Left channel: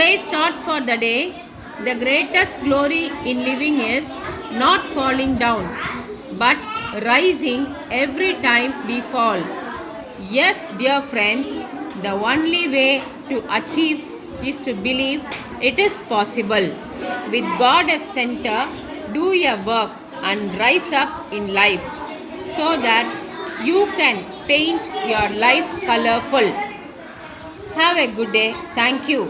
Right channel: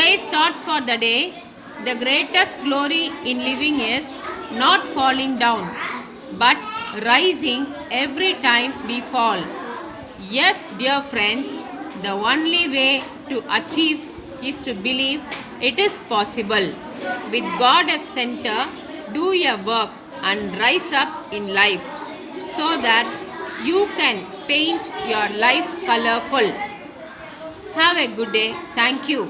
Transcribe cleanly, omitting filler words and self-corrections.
Today's thought for the day: the greatest glory in living is not falling down, but rising every time we fall. Yes, dear friends, the only way to achieve is to believe it is possible. With God as center, do your work and rise up in life so that you can paint your life colorful. Have a good day. Thank you.